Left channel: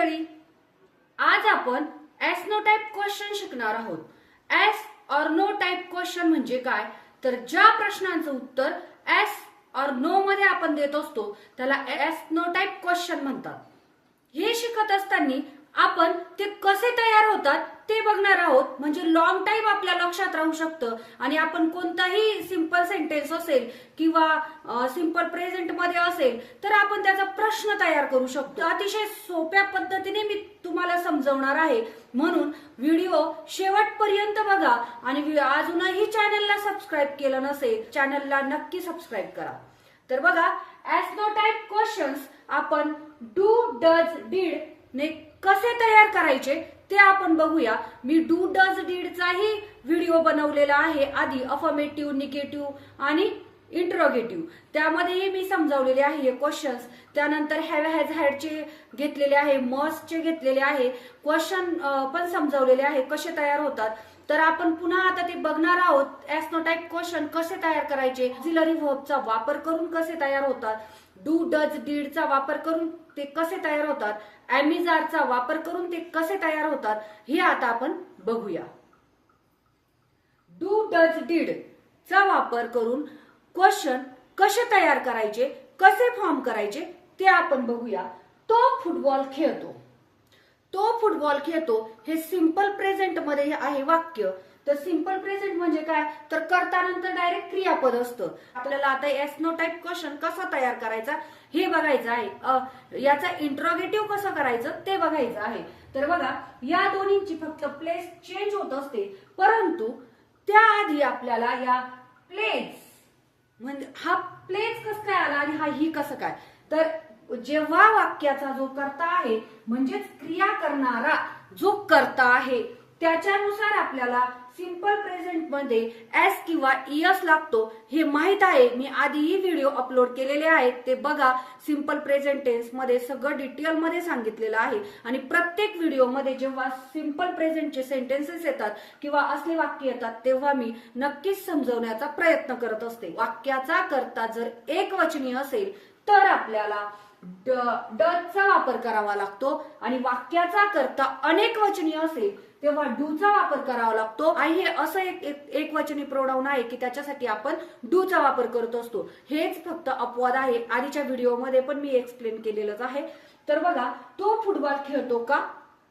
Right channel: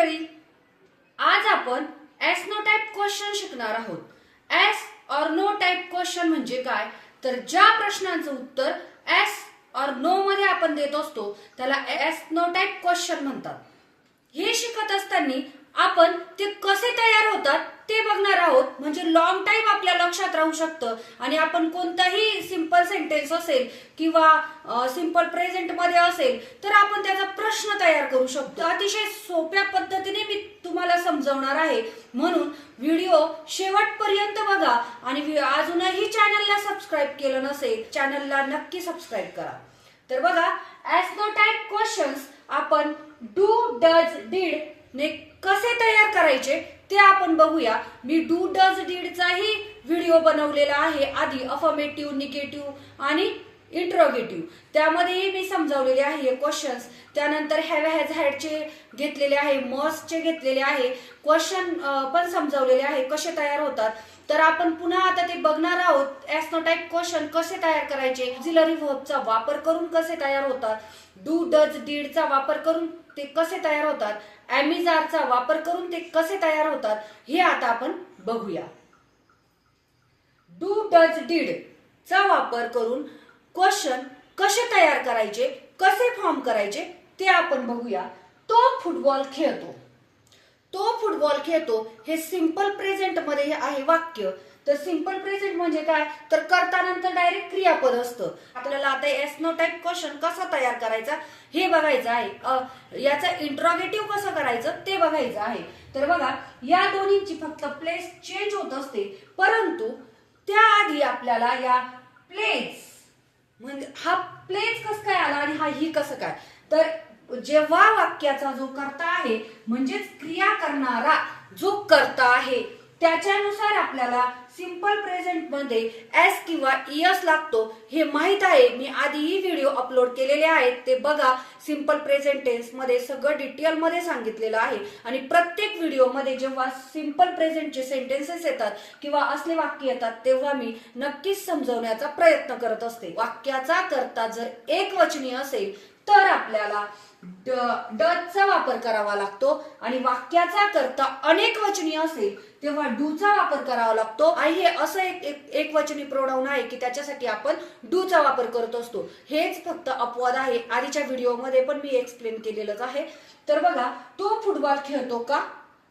मंडळी, आज आपण एस नो टाइप क्वेश्चन शिकणार आहोत। एस और नो टाइप क्वेश्चन म्हणजे काय, तर ज्या प्रश्नांचं उत्तर एस और नो मध्ये आपण देत असतो त्याला एस नो टाइप क्वेश्चन म्हणतात। हे शिकत असताना आपण ते कसे तयार होतात ते बघणार आहोत, म्हणजे लॉंग टाइम आपल्या लक्षात राहू शकतं आणि आपण कोणताही सिंपल सेंटेन्स असेल किंवा सिंपल प्रेझेंट मध्ये असेल तर आपण त्याचा प्रश्न तयार करू शकतो। अतिशय सोप्या पद्धतीने मी तुम्हाला समजवणार आहे, म्हणून व्हिडिओ शेवटपर्यंत बघा आणि अजूनही चॅनलला सबस्क्राईब केलं नसेल चॅनलला नक्की सबस्क्राईब करा। तर बघा, एस नो टाइप क्वेश्चन्स आपण डू डज डीड ने कसे तयार करायचे ते आपण बघूया। मी डू डज डीड चाही व्हिडिओ बनवलेला आहे आधी, अफर्मेटिव्ह, निगेटिव्ह आणि इंट्रोगेटिव्ह, त्यामध्येही मी समजावलेले आहे हे क्वेश्चन्स। त्यानंतर हॅव हॅज हॅडचे घेतलेले आहे, मस्टचे घेतलेले आहे, क्वेश्चन पण समजावलेले आहे कसे तयार होतात। तर आपण पुन्हा आता ते बघणार आहोत एस नो टाइप क्वेश्चन कसे तयार करायचे, ऑक्झिलरी व्हर्बचा वापर करून कसे तयार होतात, डू डज डीडचा वापर करून ते कसे तयार होतात, एम चा वापर करून ते कसे तयार होतात, हे आता आपण बघूया। डू डज डीड चा वापर करून क्वेश्चन कसे तयार करायचे, कसे फॉर्म करायचे ते आपण बघूया। तो फुटबॉल खेळतो, तो फुटबॉल खेळतो हे सिंपल प्रेझेंट मध्ये आहे वाक्य। तर सिंपल प्रेझेंट म्हणजे काय, तर कर्तानंतर डायरेक्ट क्रियापद असतं। आपल्याला आता एस नो टाइप क्वेश्चन कसा तयार करायचा हे बघायचं आहे, याचा इंट्रोगेटिव्ह कसं करायचं ते बघायचं आहे। तर बघा, या दोन्हींची फक्त प्लेस चेंज होत असते, परंतु त्याआधी आपल्याला या प्लेस म्हणजे हा प्लेस कसं काय आला आणि हा ही कसं काय, तर जेव्हा वाक्याचा जो कर्ता आहे म्हणजेच क्रिया करणारा जो कर्ता आहे त्याच्यानुसार आपल्याला सिंपल प्रेझेंट मध्ये एस किंवा ईएस लागतो हे माहित आहे। मी आधीही व्हिडिओ अपलोड केलेले आहेत, ते बघा। सिंपल प्रेझेंट टेन्स मध्ये सगळं डिटेल मध्ये सांगितलेलं आहे आणि प्रत्येक व्हिडिओ मध्ये जेव्हा सिंपल प्रेझेंटचे सेंटेन्सेस येतात किंवा असले वाक्य येतात तेव्हा मी नक्कीच समजवण्याचा प्रयत्न करत असते। वाक्याचा कर्ता जर एकवचनी असेल तर आपल्याला डजचा वापर करावा लागतो आणि वाक्याचा कर्ता अनेकवचनी असेल तेव्हा डूचा वापर करावा लागतो। आणि हे असं एक वचनी प्रोनाउन आहे की त्याच्यासाठी आपण डूचा वापर करत असतो। हेच फक्त अपवाद आहे, आधीच्या व्हिडिओमध्ये पण मी एक्सप्लेन केलेलंच आहे। तर बघा, तो फुटबॉल खेळतो का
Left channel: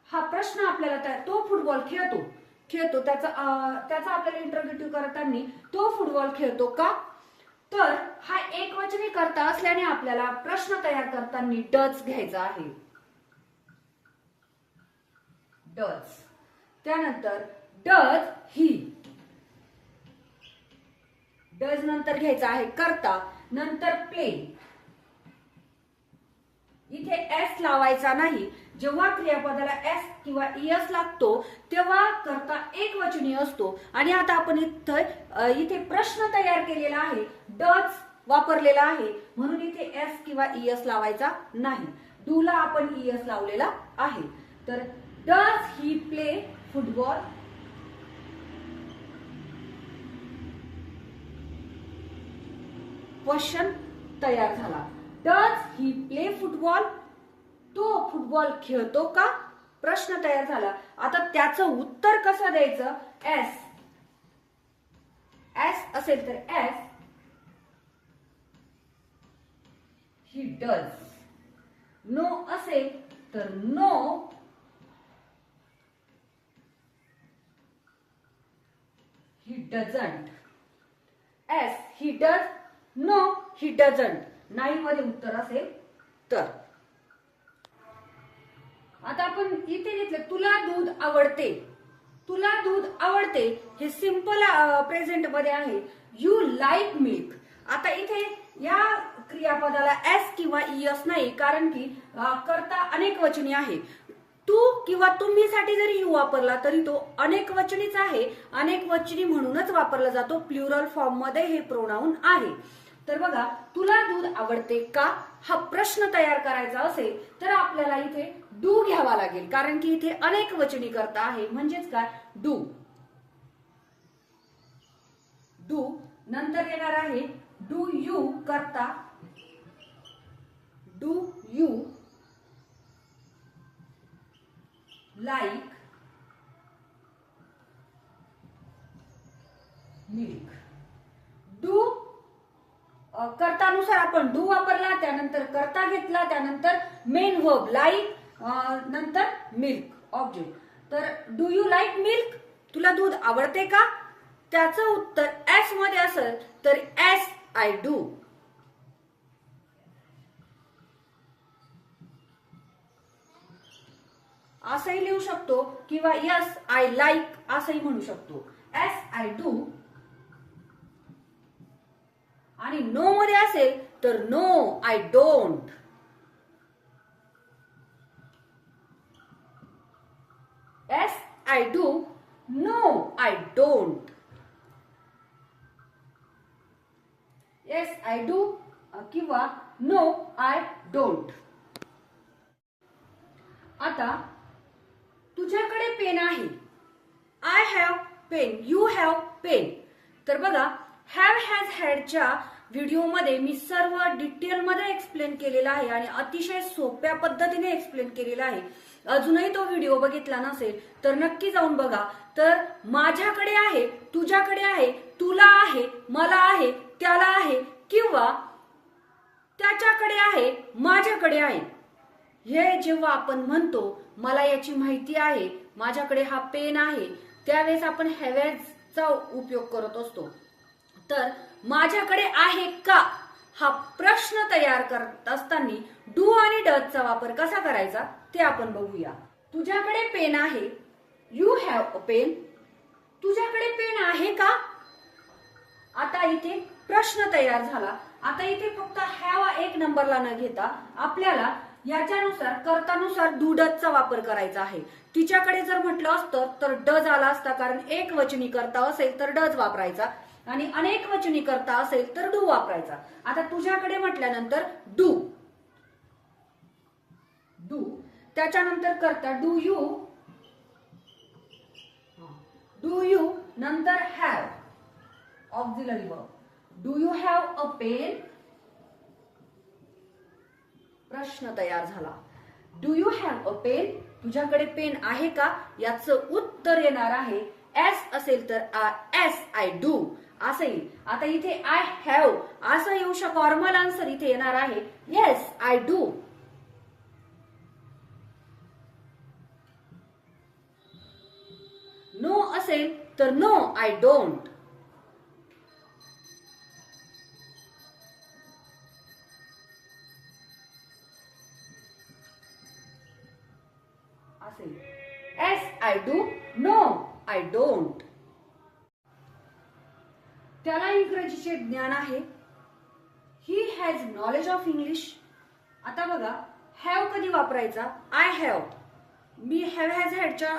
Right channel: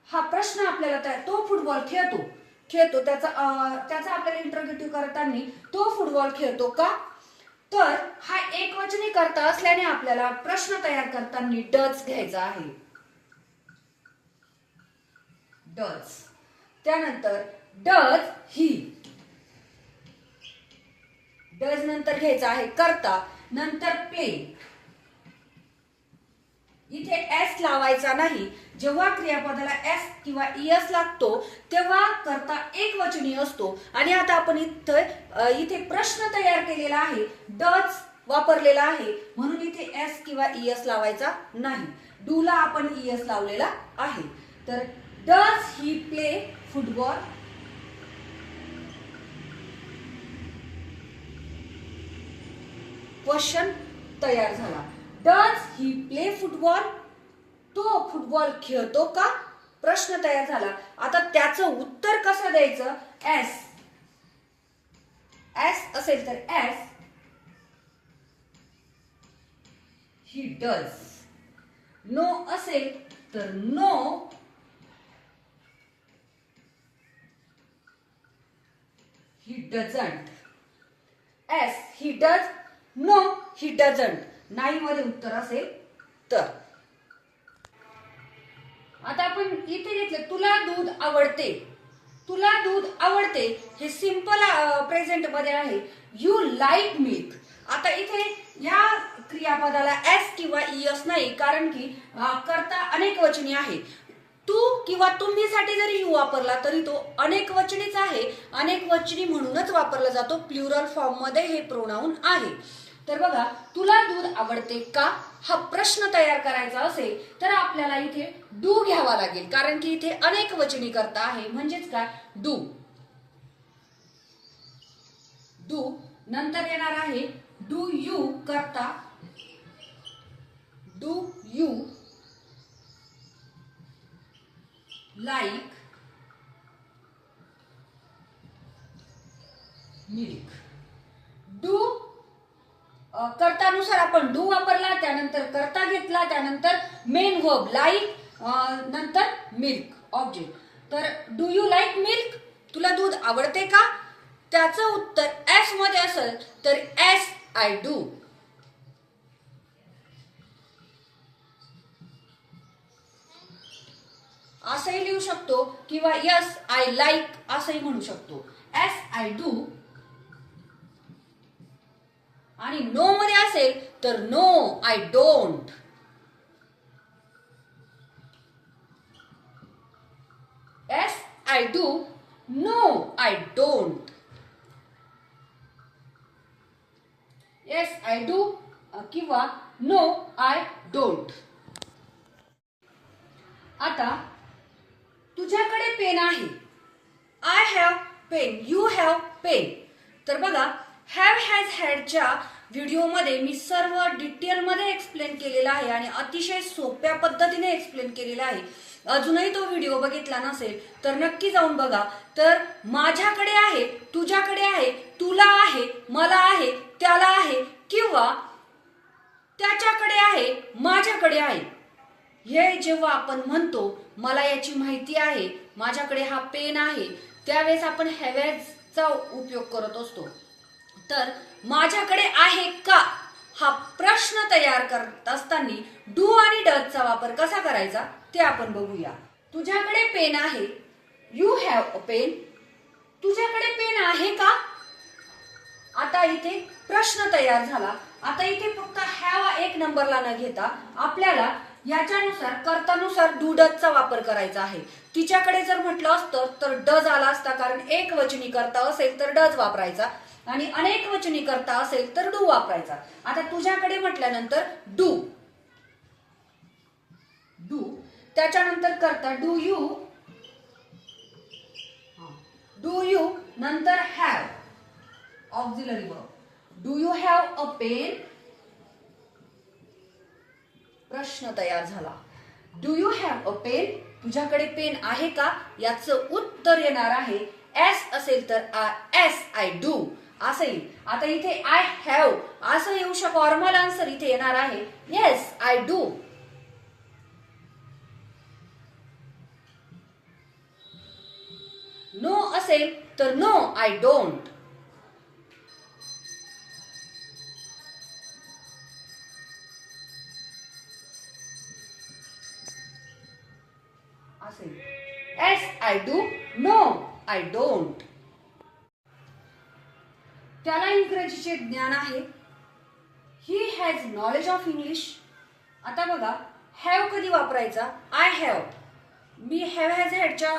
हा प्रश्न आपल्याला तो फुटबॉल खेळतो त्याचा आपल्याला इंट्रोगेटिव्ह करताना तो फुटबॉल खेळतो का, तर हा एकवचनी कर्ता असल्याने आपल्याला प्रश्न तयार करताना डज घ्यायचा आहे, डज। त्यानंतर डज ही, डज नंतर घ्यायचा आहे कर्ता, नंतर प्ले। इथे एस लावायचा नाही, जेव्हा क्रियापदाला एस किंवा ईएस लागतो तेव्हा कर्ता एकवचनी असतो। आणि आता आपण इथे प्रश्न तयार केलेला आहे, डज वापरलेला आहे, म्हणून इथे एस किंवा ईएस लावायचा नाही, डूला आपण ईएस लावलेला आहे। तर does he play football, question तयार झाला। डज ही प्ले फुटबॉल, तो फुटबॉल खेळतो का, प्रश्न तयार झाला। आता त्याचं उत्तर कसं द्यायचं, एस असेल तर एस ही डज, नो असेल तर no he doesn't, yes he does, no he doesn't, नाही मध्ये उत्तर असेल तर। आता आपण इथे घेतलं तुला दूध आवडते, तुला दूध आवडते हे सिंपल प्रेझेंट मध्ये आहे, यू लाईक मिल्क। आता इथे या क्रियापदाला एस किंवा ईएस नाही, कारण की कर्ता अनेकवचनी आहे। तू किंवा तुम्ही साठी जरी यू वापरला तरी तो अनेकवचनीच आहे, अनेकवचनी म्हणूनच वापरला जातो, प्लुरल फॉर्म मध्ये हे प्रोनाउन आहे। तर बघा, तुला दूध आवडते का हा प्रश्न तयार करायचा असेल तर आपल्याला इथे डू घ्यावा लागेल, कारण की इथे अनेकवचनी कर्ता आहे, म्हणजेच काय डू। डू नंतर येणार आहे डू यू कर्ता, do you like milk. Do कर्तानुसार आपण डू वापरला, त्यानंतर कर्ता घेतला, त्यानंतर मेन वर्ब लाईक, नंतर मिल्क ऑब्जेक्ट. तर डू यू लाईक मिल्क, तुला दूध आवडते का? त्याचं उत्तर एस मध्ये असेल तर एस आय डू. असंही लिहू शकतो किंवा यस आय लाईक असंही म्हणू शकतो. Yes I do. आणि नो मध्ये असेल तर no I don't. Yes I do, no I don't. Yes I do किंवा नो आय डोंट. आता तुझ्याकडे पेन आहे. I have pen, you have pen. तर बघा, हॅव हॅज हॅडच्या व्हिडिओमध्ये मी सर्व डिटेलमध्ये एक्सप्लेन केलेला आहे आणि अतिशय सोप्या पद्धतीने एक्सप्लेन केलेला आहे. अजूनही तो व्हिडिओ बघितला नसेल तर नक्की जाऊन बघा. तर माझ्याकडे आहे, तुझ्याकडे आहे, तुला आहे, मला आहे, त्याला आहे किंवा त्याच्याकडे आहे, माझ्याकडे आहे. हे जेव्हा आपण म्हणतो मला याची माहिती आहे, माझ्याकडे हा पेन आहे, त्यावेळेस आपण हॅवचा उपयोग करत असतो. तर माझ्याकडे आहे का हा प्रश्न तयार करत असताना डू आणि डजचा वापर कसा करायचा ते आपण बघूया. तुझ्याकडे पेन आहे, यू हॅव अ पेन. तुझ्याकडे पेन आहे का? आता इथे प्रश्न तयार झाला. आता इथे फक्त हॅव एक नंबरला न घेता आपल्याला याच्यानुसार कर्तानुसार डू डजचा वापर करायचा आहे. तिच्याकडे जर म्हटलं असतं तर डज आला असता, कारण एक वचनी कर्ता असेल तर डज वापरायचा आणि अनेक वचनी कर्ता असेल तर डू वापरायचा. आता तुझ्याकडे म्हटल्यानंतर डू, डू. त्याच्यानंतर कर्ता डू यू, डू यू, नंतर have auxiliary verb. Do you have a pen? प्रश्न तयार झाला. Do you have a pen? तुझ्याकडे पेन आहे का? याचं उत्तर येणार आहे एस असेल तर एस आय डू असं येईल. आता इथे आय हॅव असं येऊ शकतो. फॉर्मल आन्सर इथे येणार आहे येस आय डू. नो असेल तर नो आय डोंट. असेल yes I do, no I don't. त्याला इंग्रजीचे ज्ञान आहे. He has knowledge of English. आता बघा, हॅव कधी वापरायचा? I have. मी हॅव हॅज हॅडच्या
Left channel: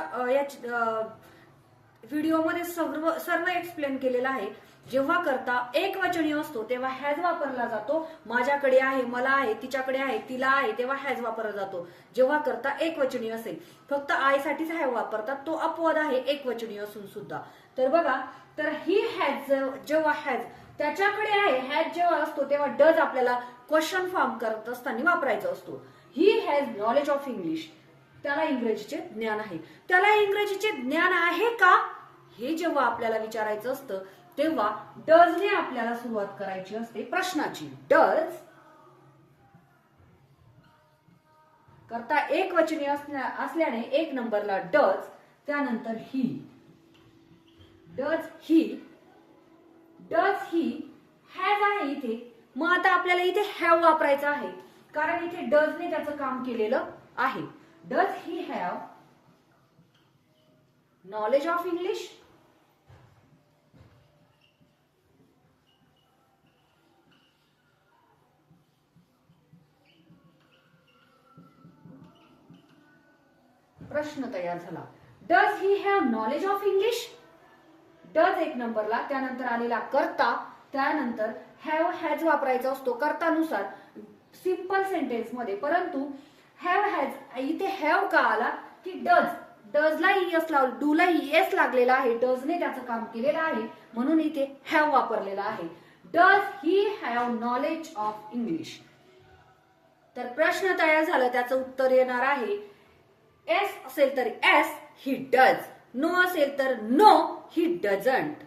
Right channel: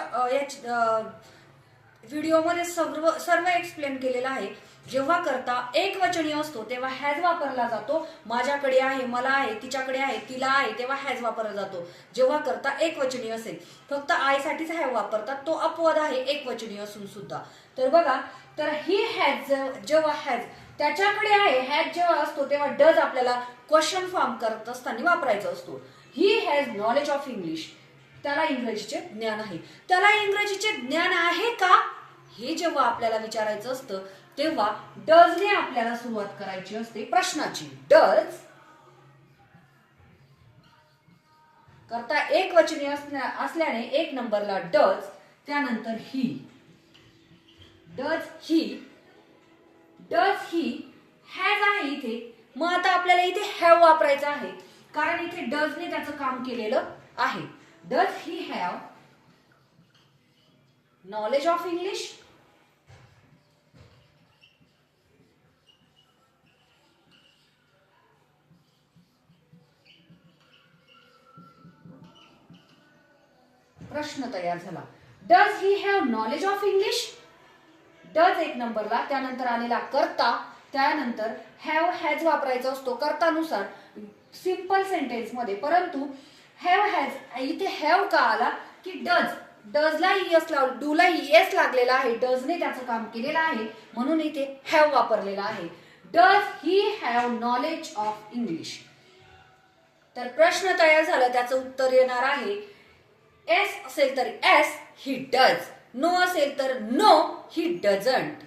व्हिडिओमध्ये सर्व एक्सप्लेन केलेलं आहे. जेव्हा करता एक वचनी असतो तेव्हा हॅज वापरला जातो. माझ्याकडे आहे, मला आहे, तिच्याकडे आहे, तिला आहे, तेव्हा हॅज वापरला जातो. जेव्हा करता एक वचनी असेल फक्त आय साठीच हॅव वापरतात. तो अपवाद आहे एक वचनी असून सुद्धा. तर बघा, तर ही हॅज जेव्हा हॅज त्याच्याकडे आहे, हॅज जेव्हा असतो तेव्हा डज आपल्याला क्वेश्चन फॉर्म करत असताना वापरायचा असतो. ही हॅज नॉलेज ऑफ इंग्लिश. त्याला इंग्रजीचे ज्ञान आहे. त्याला इंग्रजीचे ज्ञान आहे का हे जेव्हा आपल्याला विचारायचं असतं तेव्हा डजने आपल्याला सुरुवात करायची असते प्रश्नाची. डज करता एक वचनी असल्याने एक नंबरला डज, त्यानंतर he. Does he, does he has आहे इथे. मग आता आपल्याला इथे हॅव वापरायचा आहे कारण इथे डजने त्याचं काम केलेलं आहे. Does he have knowledge of English? प्रश्न तयार झाला. Does he have knowledge of English? Does एक नंबरला, त्यानंतर आलेला कर्ता, त्यानंतर हॅव हॅज वापरायचा असतो कर्तानुसार सिंपल सेंटेन्स मध्ये. परंतु हॅव हॅज इथे हॅव का आला की डजला एस लावला, डूला एस लागलेला आहे. डजने त्याचं काम केलेलं आहे म्हणून इथे हॅव वापरलेला आहे. Does he have knowledge of English? तर प्रश्न तयार झाला, त्याचं उत्तर येणार आहे एस असेल तर एस, ही डज. नो असेल तर नो, ही डझंट.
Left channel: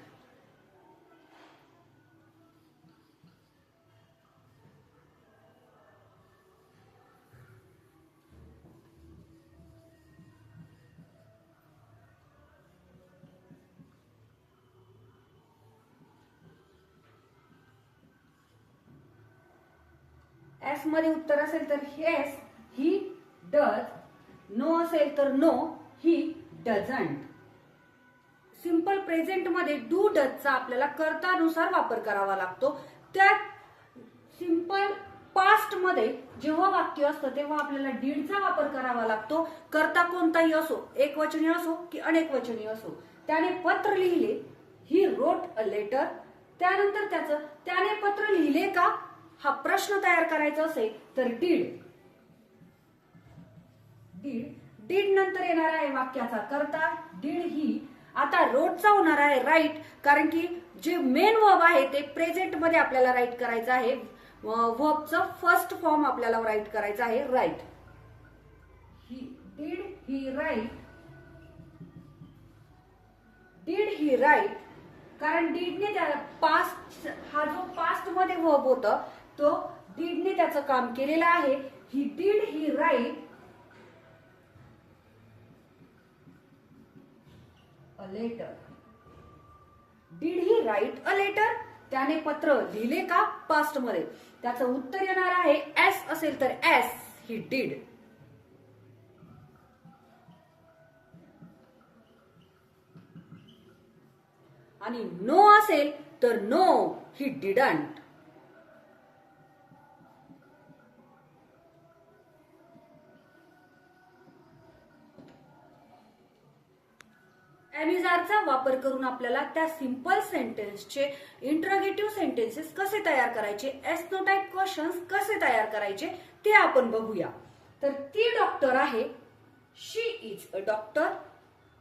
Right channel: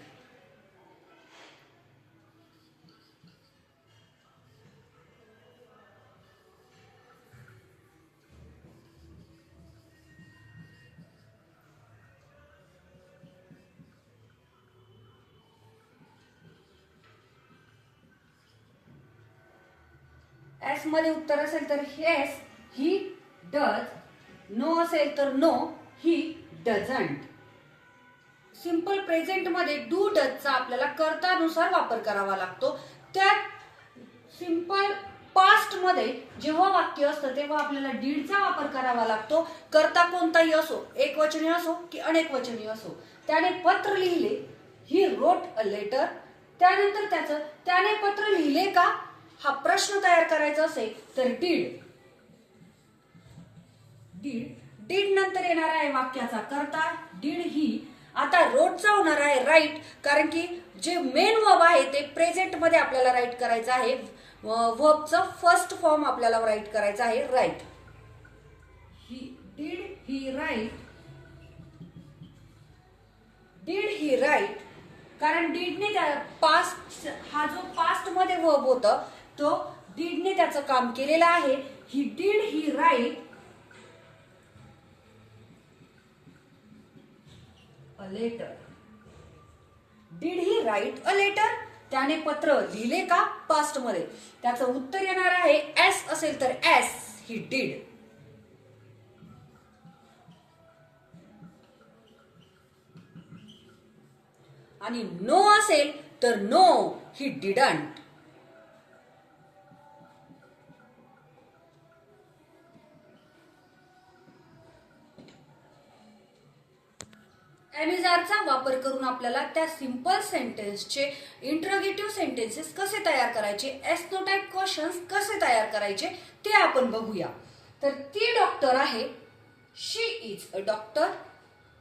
एस मध्ये उत्तर असेल तर येस, ही डज. नो असेल तर no, he doesn't. Simple present मध्ये डू डजचा आपल्याला कर्तानुसार वापर करावा लागतो. त्यात सिंपल पास्ट मध्ये जेव्हा वाक्य असतं तेव्हा आपल्याला डीडचा वापर करावा लागतो. कर्ता कोणताही असो, एकवचनी असो की अनेकवचनी असो. त्याने पत्र लिहिले, ही रोट अ लेटर. त्यानंतर त्याने पत्र लिहिले का हा प्रश्न तयार करायचा असेल तर डीड. डीड नंतर येणार आहे वाक्याचा कर्ता, डीड ही. आता रोटचा होणार आहे राईट, कारण की जे मेन वर्ब आहे ते प्रेझेंट मध्ये आपल्याला राईट करायचं आहे. वर्बचं फर्स्ट फॉर्म आपल्याला राईट करायचा आहे, right. Did he write. Did he write, कारण डीडने पास्ट, हा जो पास्ट मध्ये वर्ब होता तो डीडने त्याचं काम केलेलं आहे. He did he write a letter. Did he write a letter. त्याने पत्र लिहिले का पास्ट मध्ये. त्याचं उत्तर येणार आहे एस असेल तर एस, ही डीड. आणि नो असेल तर नो, ही डिडंट. एमिजारचा वापर करून आपल्याला त्या सिंपल सेंटेन्सचे इंट्रोगेटिव्ह सेंटेन्सेस कसे तयार करायचे, एस नो टाइप क्वेश्चन्स कसे तयार करायचे ते आपण बघूया. तर ती डॉक्टर आहे, शी इज अ डॉक्टर.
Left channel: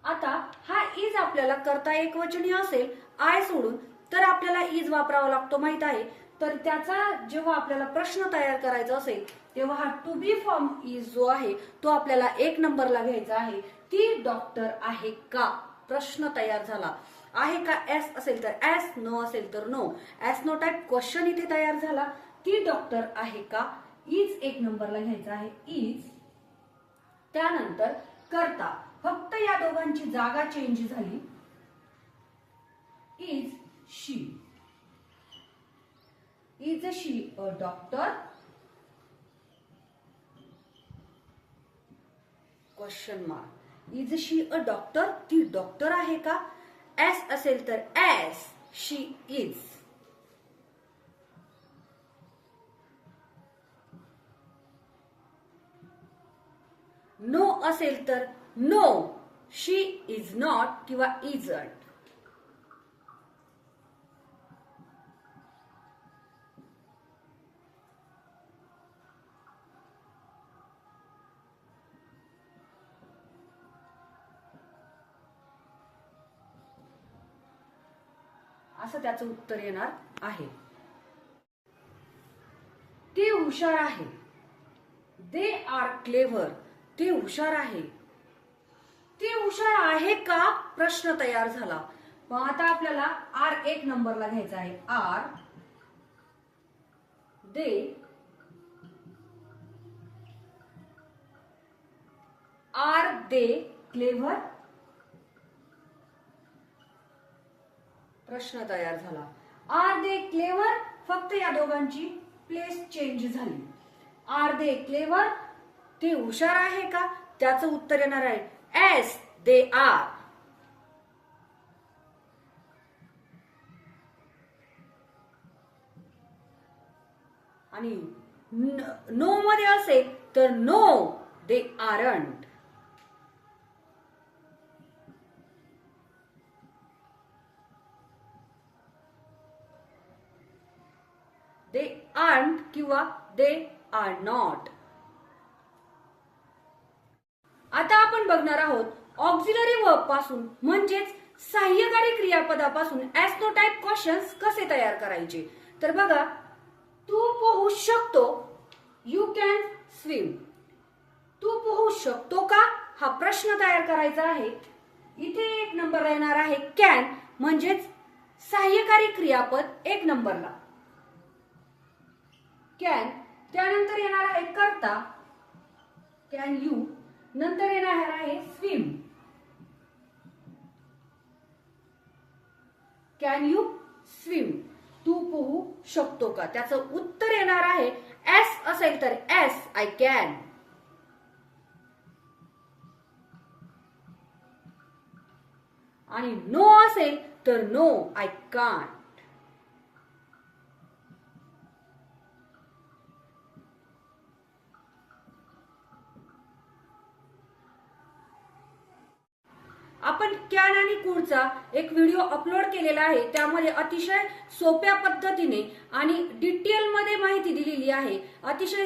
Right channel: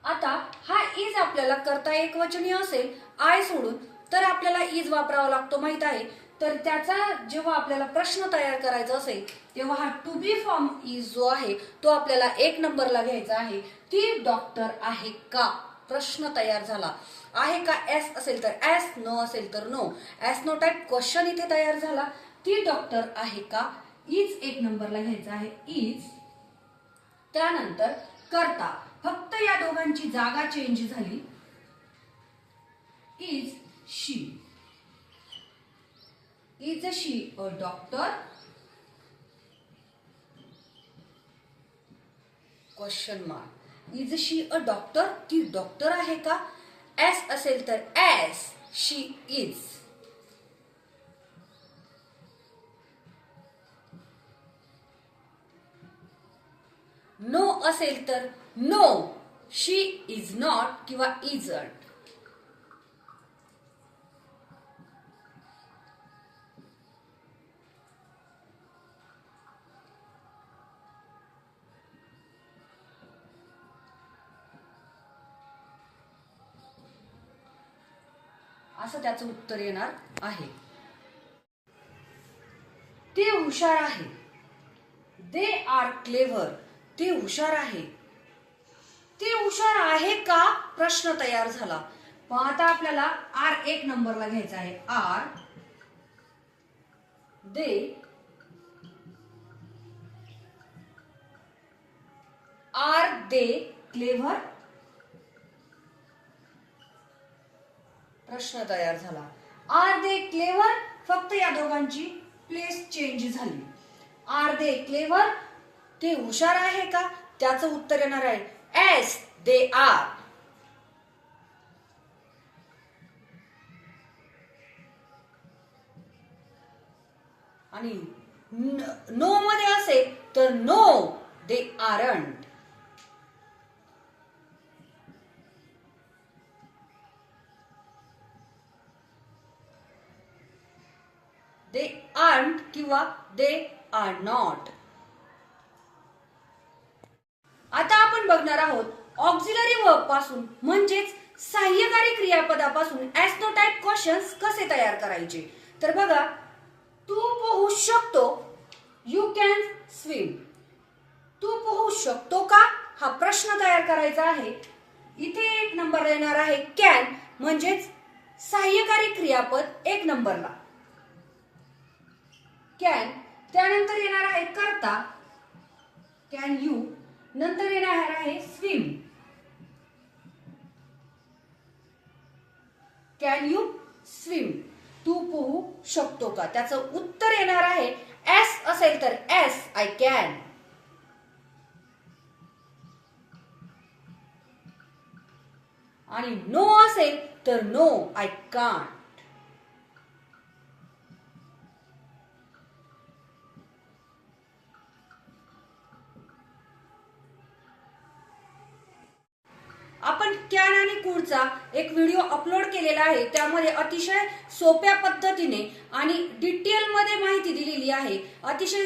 आता हा इज आपल्याला करता एकवचनी असेल आय सोडून तर आपल्याला इज वापरावा लागतो माहित आहे. तर त्याचा जेव्हा आपल्याला प्रश्न तयार करायचा असेल तेव्हा हा टू बी फॉर्म इज जो आहे तो आपल्याला 1 नंबरला घ्यायचा आहे. ती डॉक्टर आहे का, प्रश्न तयार झाला. आहे का एस असेल तर एस, नो असेल तर no. Yes no type question इथे तयार झाला. ती डॉक्टर आहे का, इज 1 नंबरला घ्यायचा आहे, इज. त्यानंतर करता, फक्त या दोघांची जागा चेंज झाली, is she. Is she a doctor, question mark. Is she a doctor, ती डॉक्टर आहे का. एस असेल तर एस, शी इज. नो असेल तर नो, शी इज नॉट किंवा इजंट. असं त्याचं उत्तर येणार आहे. ती हुशार आहे, दे आर क्लेव्हर. ती हुशार आहे. ती हुशार आहे का प्रश्न तयार झाला. मग आता आपल्याला आर 1 नंबरला घ्यायचा आहे. आर दे क्लेव्हर, प्रश्न तयार झाला. आर दे क्लेव्हर, फक्त या दोघांची प्लेस चेंज झाली. आर दे क्लेव्हर, ते हुशार आहे का, त्याचं उत्तर येणार आहे एस, दे आर. आणि नो मध्ये असेल तर no, they aren't. They aren't किंवा दे आर नॉट. आता आपण बघणार आहोत ऑक्झिलरी वर्ब पासून म्हणजेच सहाय्यकारी क्रियापदापासून एस नो टाइप क्वेश्चन्स कसे तयार करायचे. तर बघा, तू पोहू शकतो, यू कॅन स्विम. तू पोहू शकतो का, हा प्रश्न तयार करायचा आहे. इथे 1 नंबरला येणार आहे कॅन, म्हणजेच सहाय्यकारी क्रियापद 1 नंबरला कॅन. त्यानंतर येणार आहे करता, कॅन यू. नंतर येणार आहे स्विम, कॅन यू स्विम. तू पोहू शकतो का? त्याचं उत्तर येणार आहे एस असेल तर एस, आय कॅन. आणि नो असेल तर नो, आय कांट. आपण कॅन आणि कुडचा एक व्हिडिओ अपलोड केलेला आहे. त्यामध्ये अतिशय सोप्या पद्धतीने आणि डिटेल मध्ये माहिती दिलेली आहे. अतिशय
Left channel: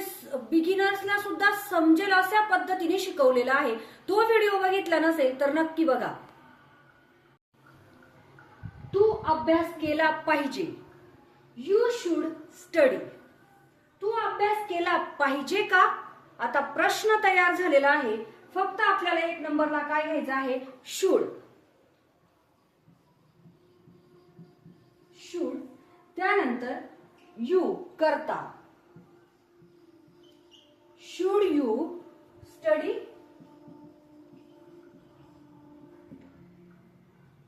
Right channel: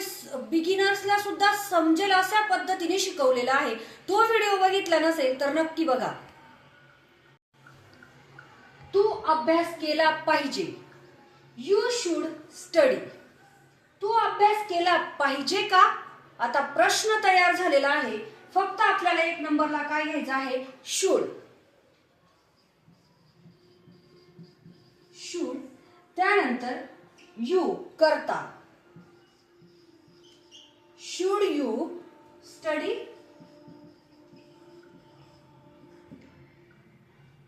बिगिनर्सला सुद्धा समजेल अशा पद्धतीने शिकवलेला आहे. तो व्हिडिओ बघितला नसेल तर नक्की बघा. तू अभ्यास केला पाहिजे, यू शुड स्टडी. तू अभ्यास केला पाहिजे का? आता प्रश्न तयार झालेला आहे. फक्त आपल्याला 1 नंबरला काय घ्यायचं आहे? शुड. शुड. त्यानंतर यू करता, शुड यू स्टडी.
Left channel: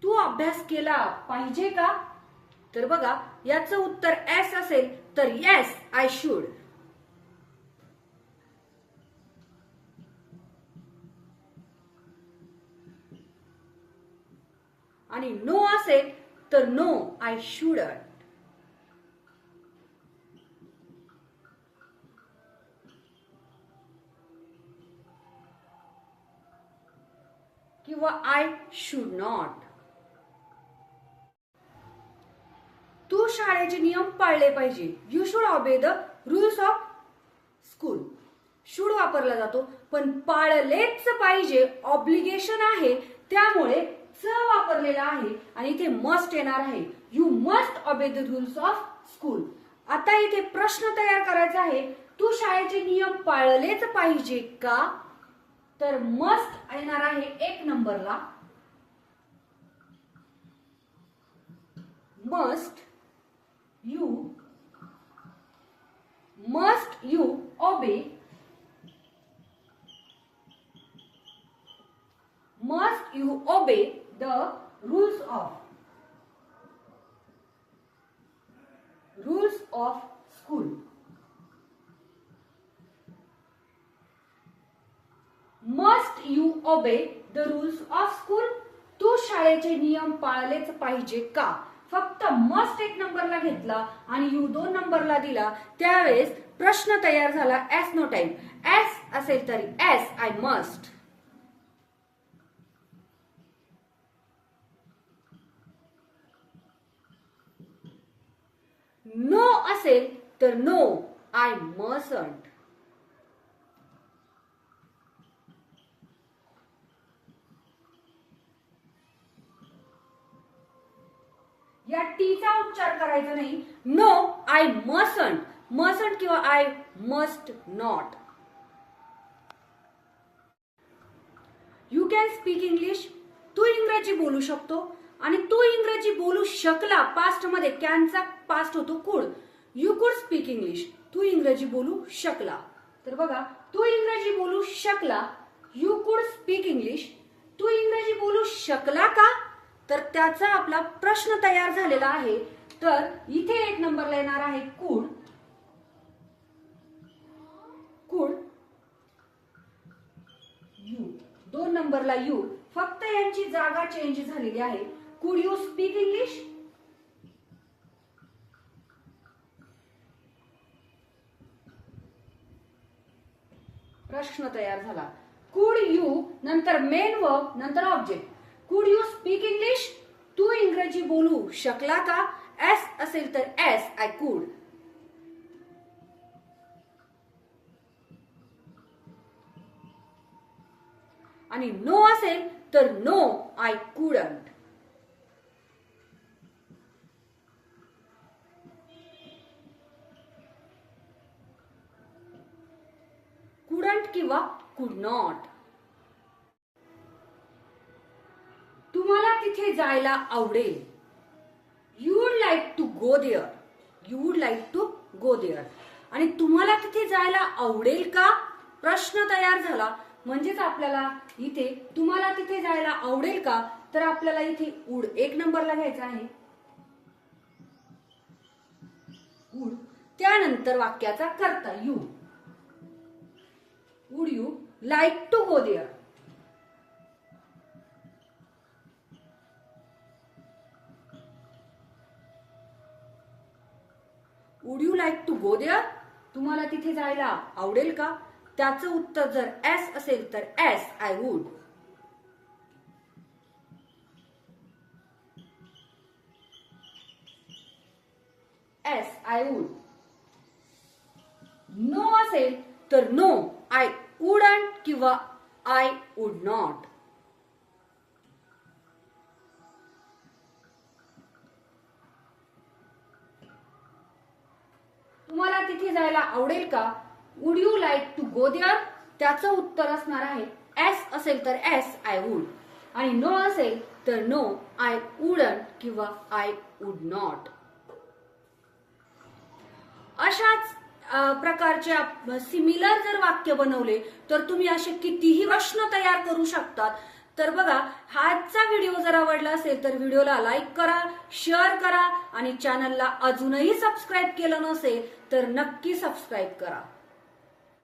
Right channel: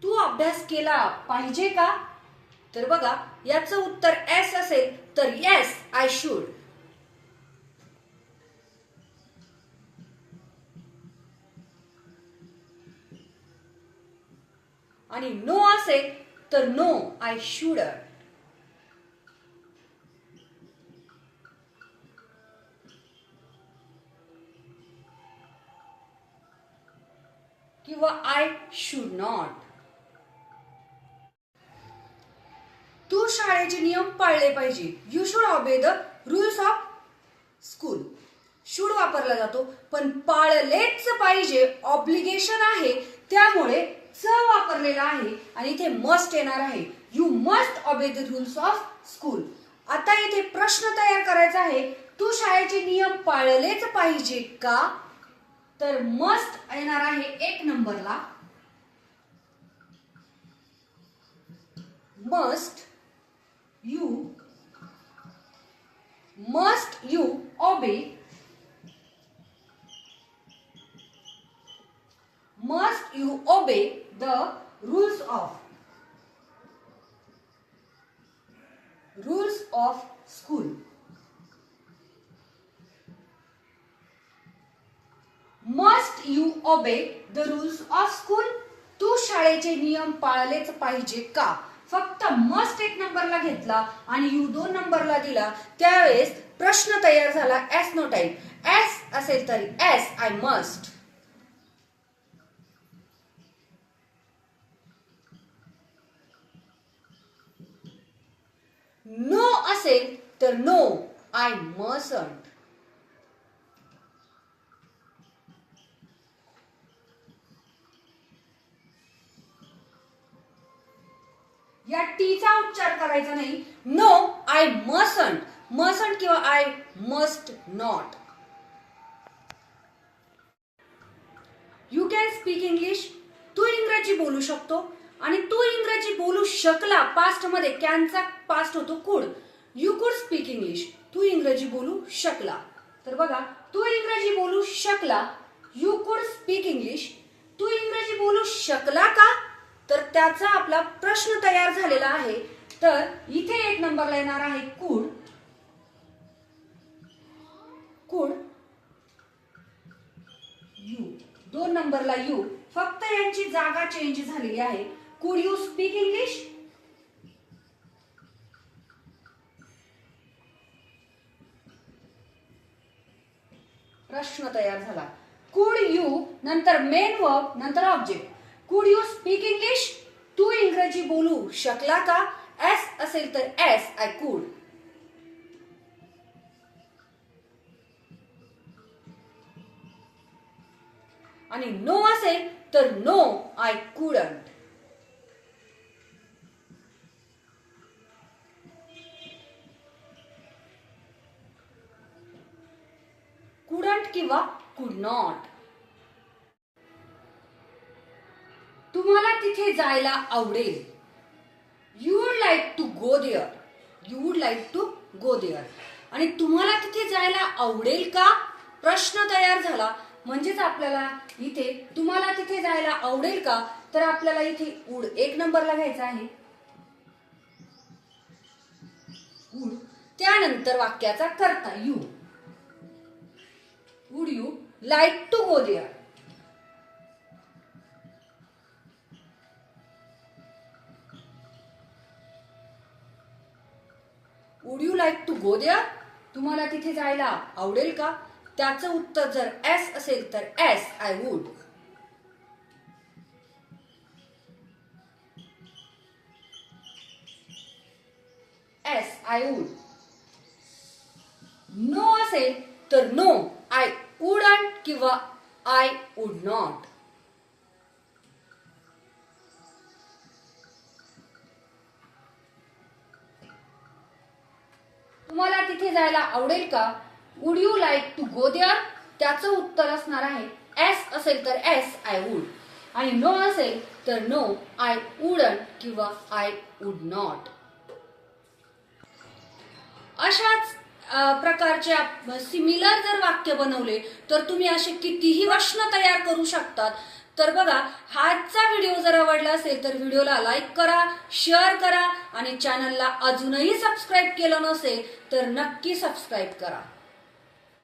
तू अभ्यास केला पाहिजे का? तर बघा, याचं उत्तर एस असेल तर येस, आय शुड. आणि नो असेल तर नो, आय शुडंट. किंवा आय शुड नॉट. तू शाळेचे नियम पाळले पाहिजे, you should obey the rules of school. Should वापरला जातो, पण पाळलेच पाहिजे ऑब्लिगेशन आहे, त्यामुळे च वापरलेला आहे. आणि इथे मस्ट येणार आहे, you must obey the rules of school. आता इथे प्रश्न तयार करायचा आहे, तू शाळेचे नियम पाळलेच पाहिजे का? तर मस्ट येणार आहे 1 नंबरला. Must you obey, must you obey the rules of school. Must you obey the rules of school. तू शाळेचे नियम पाळलेच पाहिजे का? फक्त मस्ट 1 नंबरला घेतला आणि यू 2 नंबरला दिला, त्यावेळेस प्रश्न तयार झाला एस नो टाइप. एस असेल तर एस, आय मस्ट. नो असेल तर नो, आय मसंट. या टीचा उच्चार करायचा नाही. No, I mustn't. मसंट किंवा I must not. You can speak English. तू इंग्रजी बोलू शकतो. आणि तू इंग्रजी बोलू शकला, पास्ट मध्ये कॅनचा पास्ट होतो कुड. यू कुड स्पीक इंग्लिश. तू इंग्रजी बोलू शकला. तर बघा, तू इंग्रजी बोलू शकला, यू कुड स्पीक इंग्लिश. तू इंग्रजी बोलू शकला का? तर त्याचा आपला प्रश्न तयार झालेला आहे. तर इथे 1 नंबरला येणार आहे कुड. कुड यू. 2 नंबरला यू. फक्त यांची जागा चेंज झालेली आहे. कुड यू स्पीक इंग्लिश. प्रश्न तयार झाला. कुड यू नंतर मेन वर्ब नंतर ऑब्जेक्ट. कुड यू स्पीक इंग्लिश. तू इंग्रजी बोलू शकला का? एस असेल तर एस, आय कुड. आणि नो असेल तर नो, आय कुडंट. कुडंट किंवा कुड नॉट. तुम्हाला तिथे जायला आवडेल. You would like to go there. You would like to go there. आणि तुम्हाला तिथे जायला आवडेल का प्रश्न तयार झाला. म्हणजेच आपल्याला इथे तुम्हाला तिथे जायला आवडेल का, तर आपल्याला इथे वुड 1 नंबरला घ्यायचा आहे. वुड. त्यानंतर वाक्याचा कर्ता you. Would you like to go there. Would you like to go there. तुम्हाला तिथे जायला आवडेल का. त्याचं उत्तर जर एस असेल तर yes I would. Yes I would. No असेल तर नो आय वुडंट किंवा आय वुड नॉट. तुम्हाला तिथे जायला आवडेल का. Would you like to go there. त्याचं उत्तर असणार आहे एस असेल तर एस आय वुड आणि नो असेल तर नो आय वुडंट किंवा आय वुड नॉट. अशाच प्रकारच्या सिमिलर जर वाक्य बनवले तर तुम्ही असे कितीही प्रश्न तयार करू शकतात. तर बघा, आजचा व्हिडिओ जर आवडला असेल तर व्हिडिओला लाईक करा, शेअर करा आणि चॅनलला अजूनही सबस्क्राईब केलं नसेल तर नक्की सबस्क्राईब करा.